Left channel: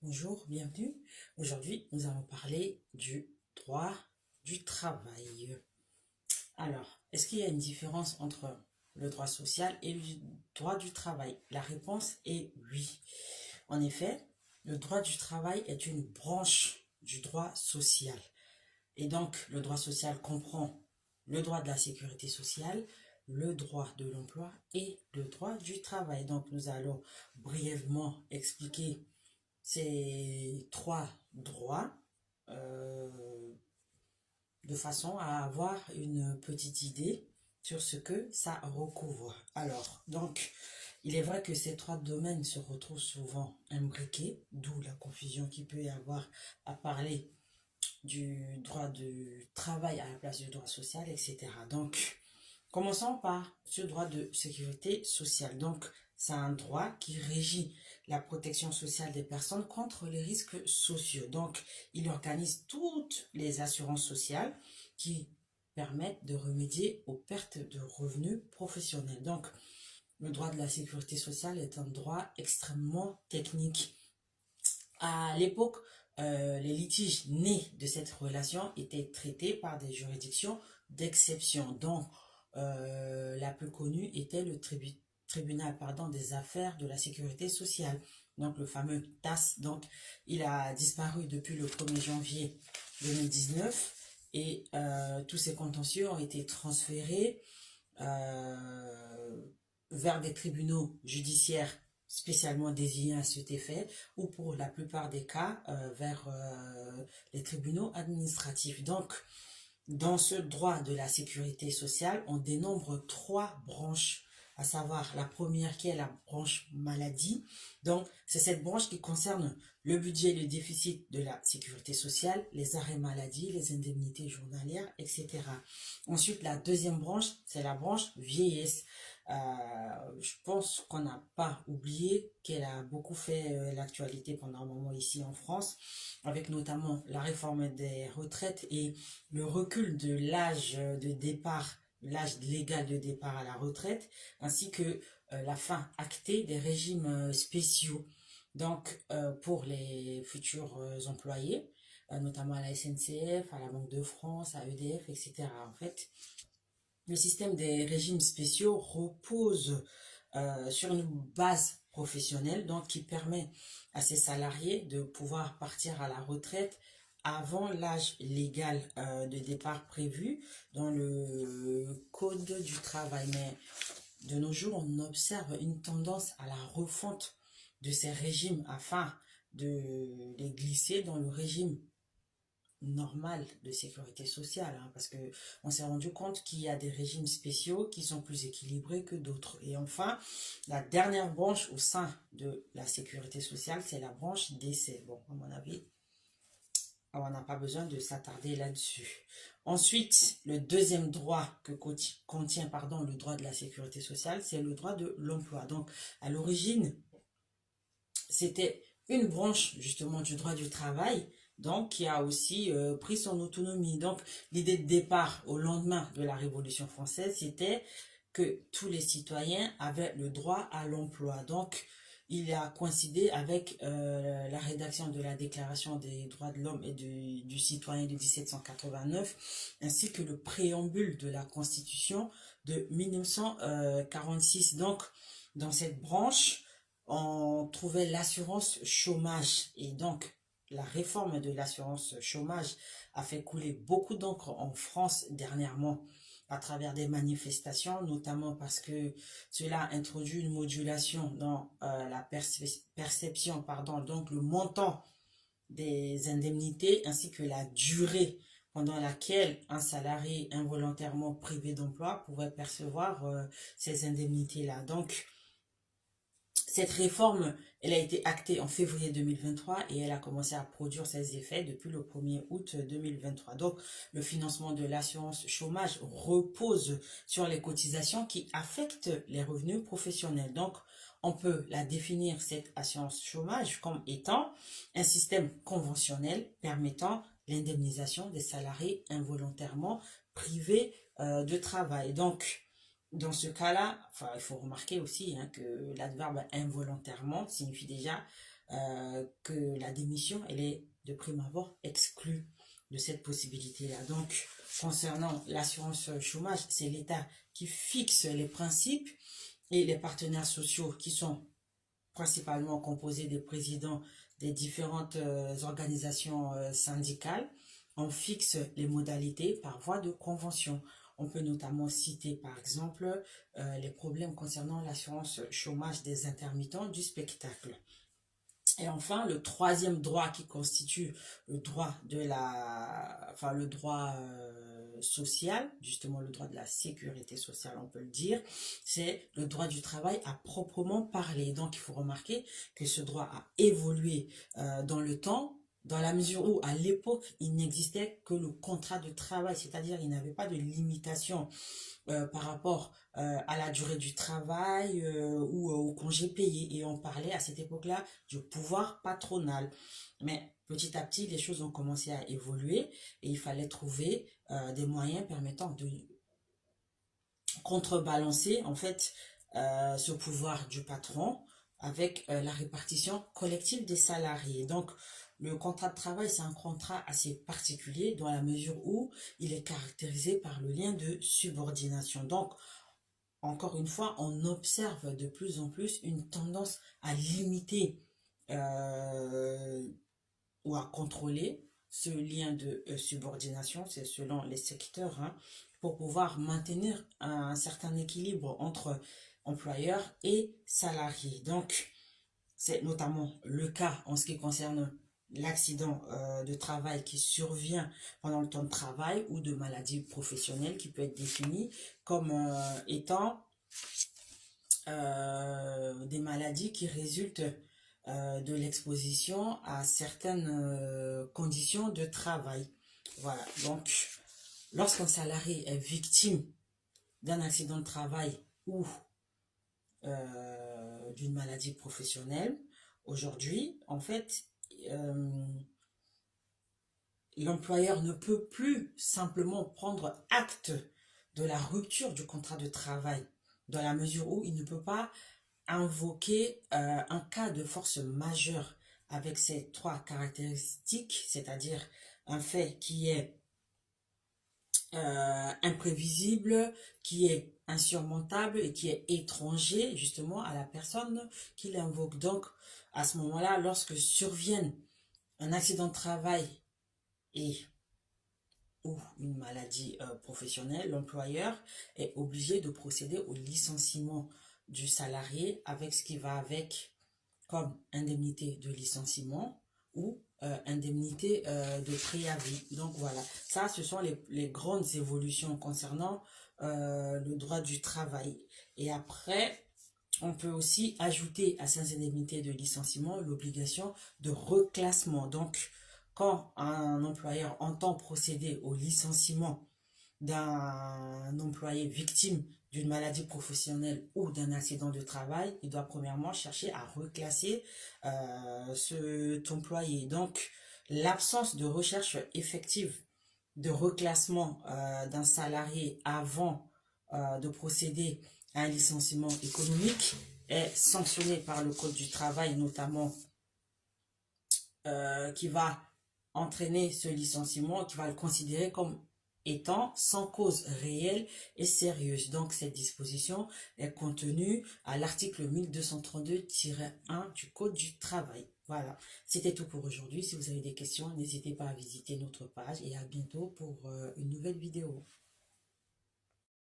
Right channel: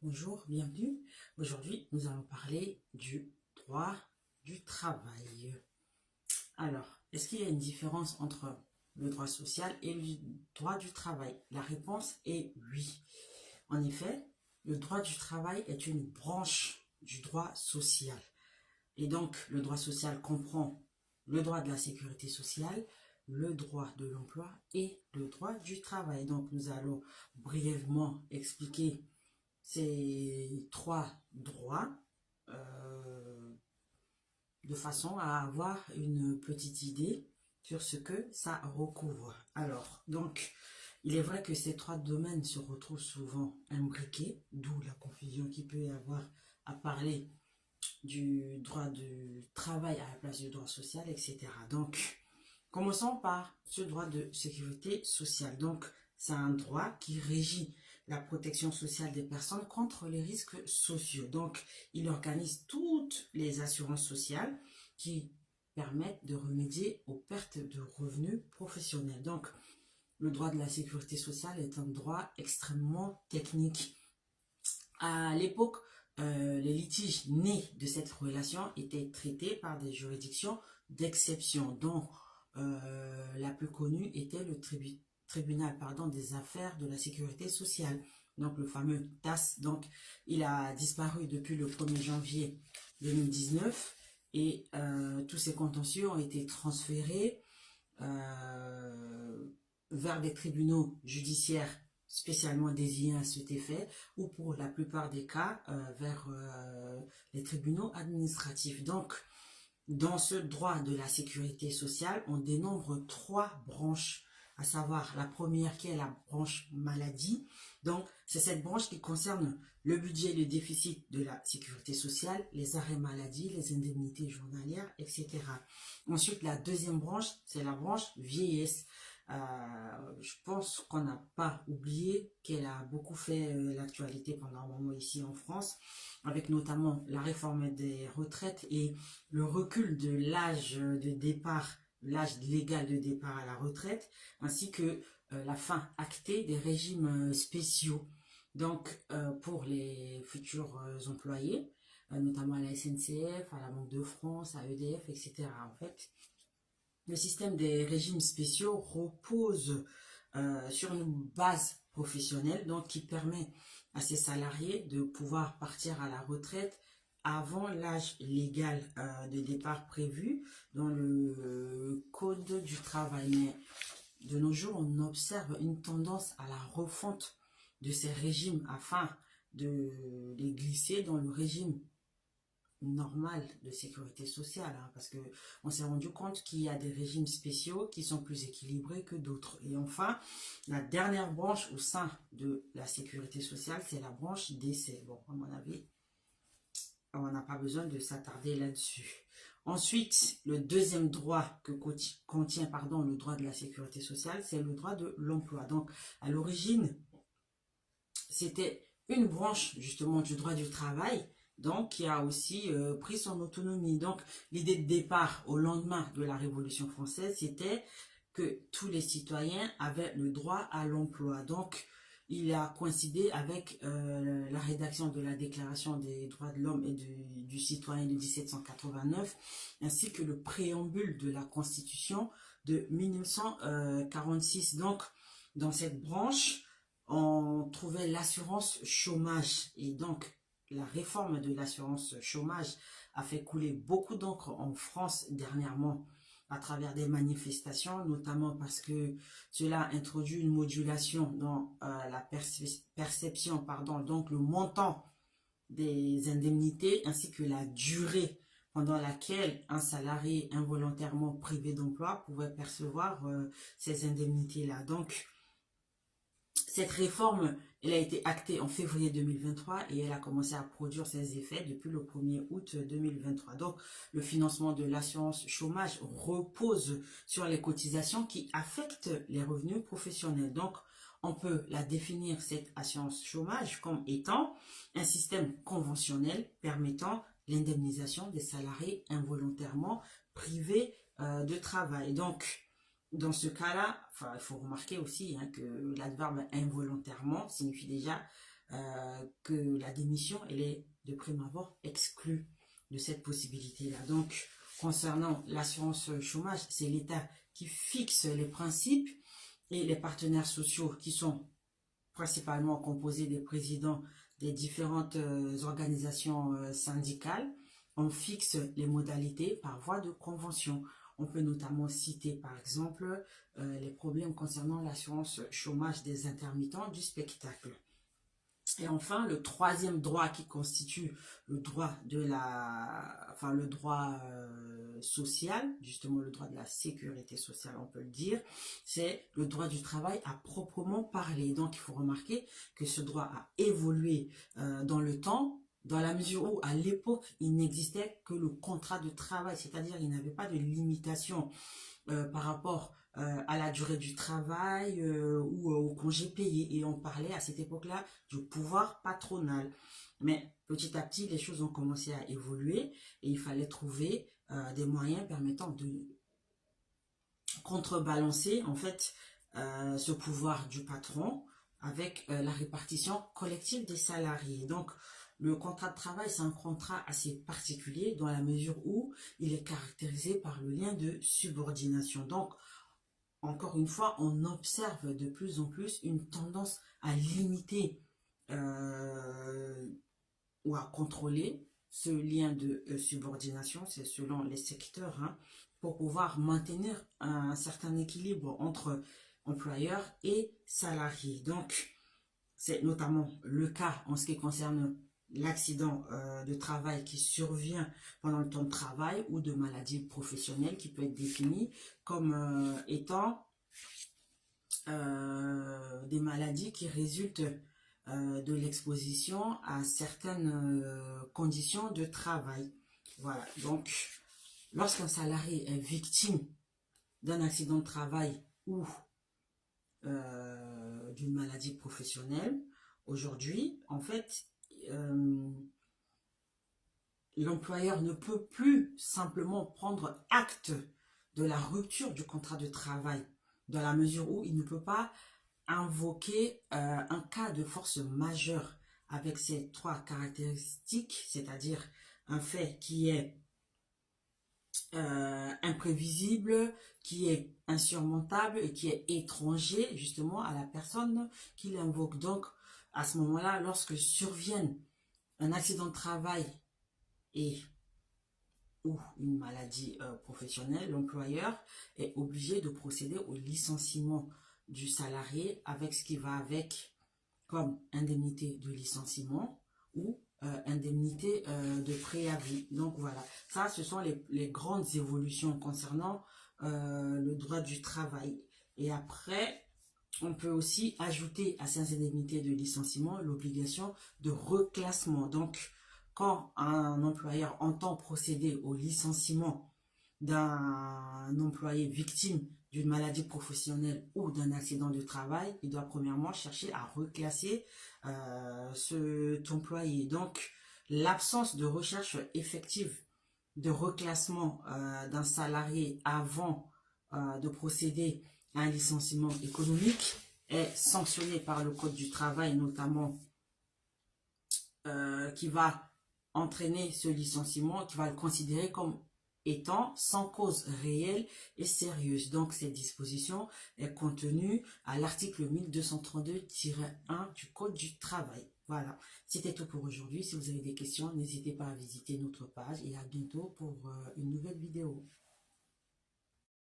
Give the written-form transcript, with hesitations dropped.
Bonjour, bienvenue. Aujourd'hui, nous allons parler du droit du travail. Alors, est-ce qu'il y a une différence entre le droit social et le droit du travail? La réponse est oui. En effet, le droit du travail est une branche du droit social. Et donc, le droit social comprend le droit de la sécurité sociale, le droit de l'emploi et le droit du travail. Donc, nous allons brièvement expliquer ces trois droits euh, de façon à avoir une petite idée sur ce que ça recouvre. Alors, donc, il est vrai que ces trois domaines se retrouvent souvent imbriqués, d'où la confusion qu'il peut y avoir à parler du droit du travail à la place du droit social, etc. Donc, commençons par ce droit de sécurité sociale. Donc, c'est un droit qui régit la protection sociale des personnes contre les risques sociaux. Donc, il organise toutes les assurances sociales qui permettent de remédier aux pertes de revenus professionnels. Donc, le droit de la sécurité sociale est un droit extrêmement technique. À l'époque, les litiges nés de cette relation étaient traités par des juridictions d'exception, dont la plus connue était le tribunal des affaires de la sécurité sociale, donc le fameux TAS. Donc, il a disparu depuis le 1er janvier 2019 et tous ces contentieux ont été transférés vers des tribunaux judiciaires spécialement désignés à cet effet, ou pour la plupart des cas vers les tribunaux administratifs. Donc, dans ce droit de la sécurité sociale, on dénombre trois branches, à savoir la première qui est la branche maladie. Donc, c'est cette branche qui concerne le budget et le déficit de la sécurité sociale, les arrêts maladie, les indemnités journalières, etc. Ensuite, la deuxième branche, c'est la branche vieillesse. Je pense qu'on n'a pas oublié qu'elle a beaucoup fait l'actualité pendant un moment ici en France, avec notamment la réforme des retraites et le recul de l'âge de départ, l'âge légal de départ à la retraite, ainsi que la fin actée des régimes spéciaux. Donc, pour les futurs employés, notamment à la SNCF, à la Banque de France, à EDF, etc. En fait, le système des régimes spéciaux repose sur une base professionnelle, donc qui permet à ces salariés de pouvoir partir à la retraite avant l'âge légal de départ prévu dans le code du travail. Mais de nos jours, on observe une tendance à la refonte de ces régimes afin de les glisser dans le régime normal de sécurité sociale, hein, parce que on s'est rendu compte qu'il y a des régimes spéciaux qui sont plus équilibrés que d'autres. Et enfin, la dernière branche au sein de la sécurité sociale, c'est la branche décès. Bon, à mon avis, on n'a pas besoin de s'attarder là-dessus. Ensuite, le deuxième droit que contient le droit de la sécurité sociale, c'est le droit de l'emploi. Donc, à l'origine, c'était une branche justement du droit du travail, donc qui a aussi pris son autonomie. Donc, l'idée de départ au lendemain de la Révolution française, c'était que tous les citoyens avaient le droit à l'emploi. Donc, il a coïncidé avec la rédaction de la Déclaration des droits de l'homme et du citoyen de 1789, ainsi que le préambule de la Constitution de 1946. Donc, dans cette branche, on trouvait l'assurance chômage. Et donc, la réforme de l'assurance chômage a fait couler beaucoup d'encre en France dernièrement à travers des manifestations, notamment parce que cela a introduit une modulation dans la perception, donc le montant des indemnités ainsi que la durée pendant laquelle un salarié involontairement privé d'emploi pouvait percevoir ces indemnités-là. Donc, cette réforme, elle a été actée en février 2023 et elle a commencé à produire ses effets depuis le 1er août 2023. Donc, le financement de l'assurance chômage repose sur les cotisations qui affectent les revenus professionnels. Donc, on peut la définir, cette assurance chômage, comme étant un système conventionnel permettant l'indemnisation des salariés involontairement privés de travail. Donc, dans ce cas-là, enfin, il faut remarquer aussi hein, que l'adverbe involontairement signifie déjà que la démission, elle est de prime abord exclue de cette possibilité-là. Donc, concernant l'assurance chômage, c'est l'État qui fixe les principes et les partenaires sociaux qui sont principalement composés des présidents des différentes organisations syndicales. On fixe les modalités par voie de convention. On peut notamment citer par exemple les problèmes concernant l'assurance chômage des intermittents du spectacle. Et enfin, le troisième droit qui constitue le droit de le droit social, justement le droit de la sécurité sociale, on peut le dire, c'est le droit du travail à proprement parler. Donc, il faut remarquer que ce droit a évolué dans le temps, dans la mesure où, à l'époque, il n'existait que le contrat de travail, c'est-à-dire il n'avait pas de limitation par rapport à la durée du travail ou au congé payé. Et on parlait à cette époque-là du pouvoir patronal. Mais petit à petit, les choses ont commencé à évoluer et il fallait trouver des moyens permettant de contrebalancer en fait ce pouvoir du patron avec la répartition collective des salariés. Donc, le contrat de travail, c'est un contrat assez particulier dans la mesure où il est caractérisé par le lien de subordination. Donc, encore une fois, on observe de plus en plus une tendance à limiter ou à contrôler ce lien de subordination, c'est selon les secteurs, hein, pour pouvoir maintenir un certain équilibre entre employeurs et salariés. Donc, c'est notamment le cas en ce qui concerne l'accident de travail qui survient pendant le temps de travail ou de maladie professionnelle qui peut être définie comme étant des maladies qui résultent de l'exposition à certaines conditions de travail. Voilà, donc lorsqu'un salarié est victime d'un accident de travail ou d'une maladie professionnelle, aujourd'hui, en fait, l'employeur ne peut plus simplement prendre acte de la rupture du contrat de travail, dans la mesure où il ne peut pas invoquer un cas de force majeure avec ces trois caractéristiques, c'est-à-dire un fait qui est imprévisible, qui est insurmontable et qui est étranger justement à la personne qui l'invoque. Donc, à ce moment-là, lorsque survienne un accident de travail et ou une maladie professionnelle, l'employeur est obligé de procéder au licenciement du salarié avec ce qui va avec comme indemnité de licenciement ou indemnité de préavis. Donc voilà, ça ce sont les grandes évolutions concernant le droit du travail. Et après, on peut aussi ajouter à ces indemnités de licenciement l'obligation de reclassement. Donc, quand un employeur entend procéder au licenciement d'un employé victime d'une maladie professionnelle ou d'un accident de travail, il doit premièrement chercher à reclasser cet employé. Donc, l'absence de recherche effective de reclassement d'un salarié avant de procéder à un licenciement économique est sanctionnée par le Code du travail, notamment qui va entraîner ce licenciement, qui va le considérer comme étant sans cause réelle et sérieuse. Donc, cette disposition est contenue à l'article 1232-1 du Code du travail. Voilà, c'était tout pour aujourd'hui. Si vous avez des questions, n'hésitez pas à visiter notre page et à bientôt pour une nouvelle vidéo.